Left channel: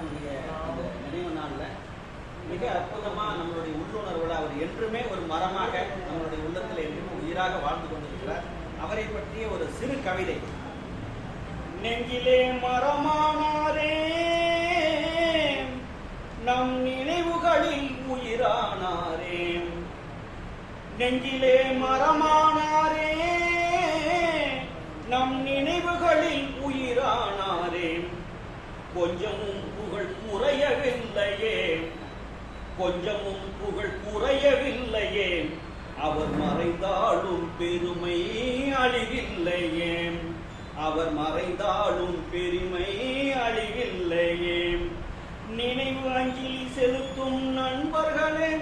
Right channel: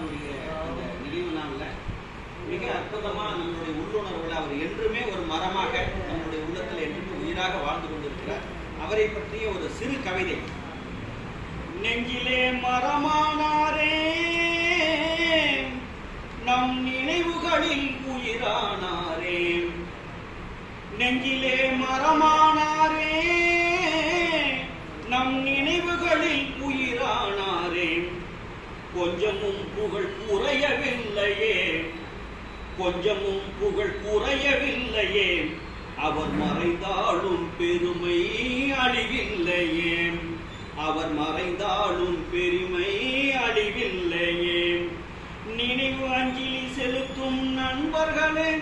அவருடைய அந்த நினைவு நாள்ல மிக அற்புதமாக நம்மளுடைய உள்ளுணர்வுல அவர் என்றுமே ஒரு மரமாக நம்மளுடைய உள்ளத்தில் என்றுமே உயிராக வாழ்ந்து கொண்டிருக்கிறார். அவரை பற்றிய ஒரு சிறு கவிதை. நெஞ்சிலே மரமானாரே நம் நினைவுகளில் உயிரானாரே. நெஞ்சிலே மரமானாரே நம் நினைவுகளில் உயிரானாரே. கொஞ்சமும் புகழ் குறையவில்லையே. கொஞ்சமும் புகழ் குறையவில்லையே. அவர் மறைந்தாலும் பெருமை அழிவில்லையே. அவர் மறைந்தாலும் பெருமை அழிவில்லையே. நினைவு அஞ்சலி செலுத்தும் நண்பர்களே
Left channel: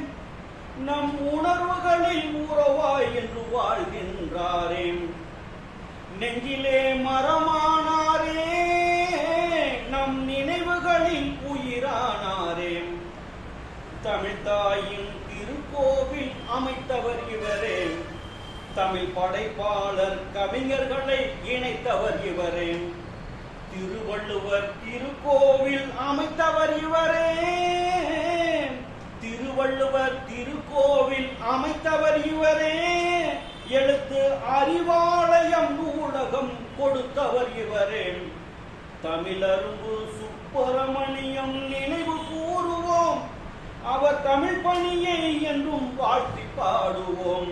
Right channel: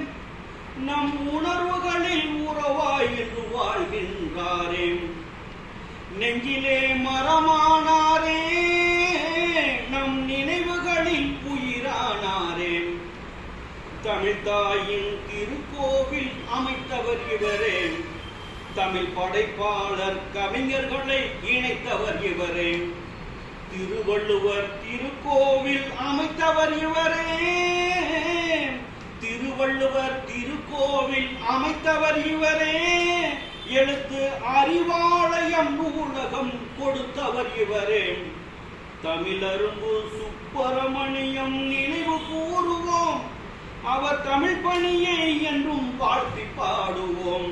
நம் உணர்வுகளில் உறவாய் என்று வாழ்கின்றாரே. நெஞ்சிலே மரமா தாயின் திருக்கோவில் அமைத்தவர் இவரே. தமிழ் படைப்பாளர் கவிஞர்களை இணைத்தவர் இவரே. திருவள்ளுவர் திருக்கோவில் அமைத்தவர் இவரே. திருவள்ளுவர் திருக்கோவில் அமைத்தவர் இவரே. எழுத்து அறிவாலயம் நூலகம் கொடுத்தவர் இவரே. தமிழரும்பு சுப்பிரமணியம் நினைவு கூறுவோம். அவர் தமிழ் பணியை என்றும் வாழ்த்தி பாடுவோம்.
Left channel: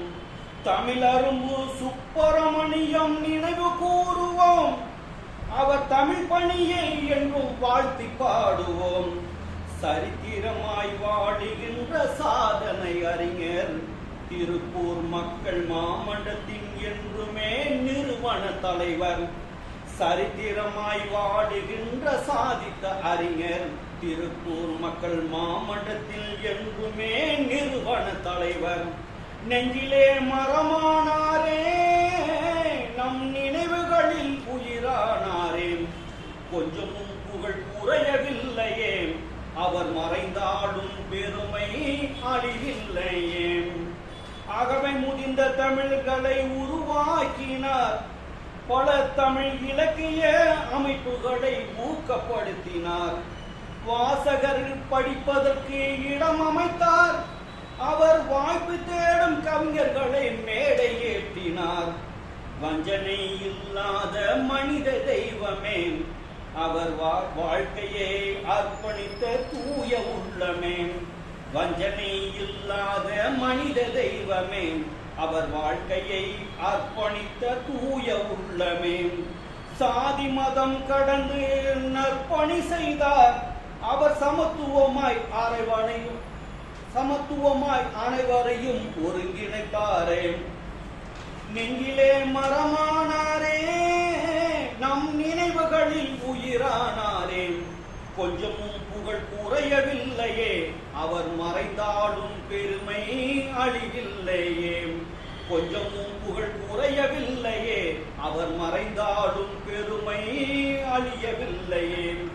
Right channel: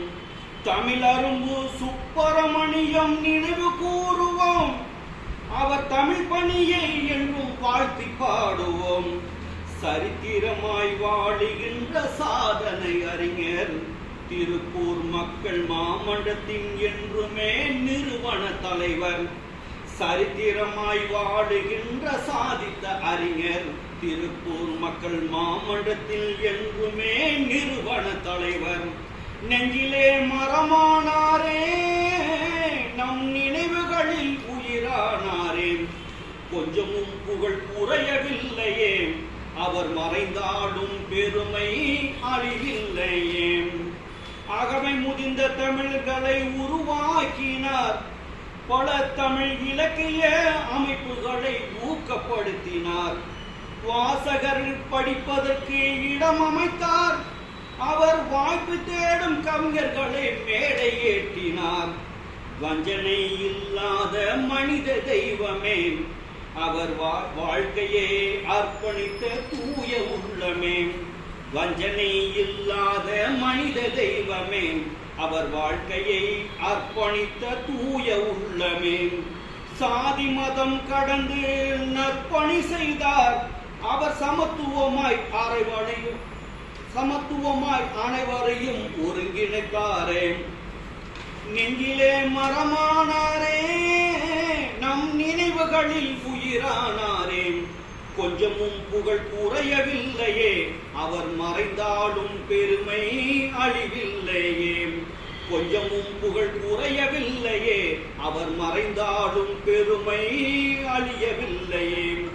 தமிழரும்பு சுப்பிரமணியம் நினைவு கூறுவோம். அவர் தமிழ் பணியை என்றும் வாழ்த்தி பாடுவோம். சரித்திரமாய் வாழுகின்ற சாதனை அறிஞர் திருப்பூர் மக்கள் மாமண்டத்தின் என்றுமே நிறுவன தலைவர். சரித்திரமாய் வாடுகின்ற சாதித்த அறிஞர் திருப்பூர் மக்கள் மாமன்றத்தில் எங்குமே நிறுவன தலைவர். நெஞ்சிலே மரமானாரே நம் நினைவுகளில் உயிரானாரே. கொஞ்சமும் புகழ் குறையவில்லையே அவர் மறைந்தாலும் பெருமை அழிவில்லையே. அகவை முடிந்த தமிழ்களை உருவாக்கினார் பல தமிழ் இலக்கிய அமைப்புகளை ஊக்கப்படுத்தினார். வாசகர்கள் படிப்பதற்கு இடம் அமைத்தார். அவர் வாய்ப்பு தேடும் கவிஞர்களை மேடை ஏற்றினார். வஞ்சனை இல்லாத மனித தெய்வமே அவர் வா- வாழ்க்கையை அர்ப்பணித்த தூய உள்ளமே. வஞ்சனை இல்லாத மனித தெய்வமே அவர் வாழ்க்கையை அர்ப்பணித்த தூய உள்ளமே. சாதி மதம் கடந்து நற்பணி செய்தார். அவர் சமத்துவமாய் அரைவனையும் சமத்துவமாய் அனைவரையும் ஒருங்கிணைத்தாரே. நெஞ்சிலே மரமானாரே நம் நினைவுகளில் உயிரானாரே. கொஞ்சமும் புகழ் குறையவில்லையே அவர் மறைந்தாலும் பெருமை அழிவில்லையே. கொஞ்சமும் புகழ் குறையவில்லையே. அவர் மறைந்தாலும் பெருமை அழியவில்லையே.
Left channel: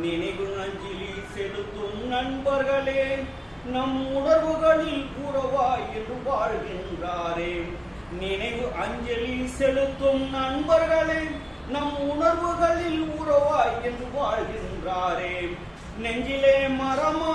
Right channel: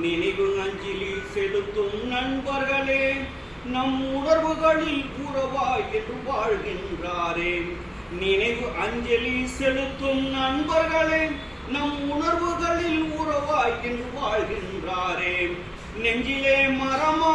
நினைவு அஞ்சலி செலுத்தும் நண்பர்களே நம் உணர்வுகளில் புறவாய் என்று வாழ்கின்றாரே. நினைவு அஞ்சலி செலுத்தும் நண்பர்களே நம் உணர்வுகளில் உறவாய் என்று வாழ்கின்றாரே. நெஞ்சிலே மரமா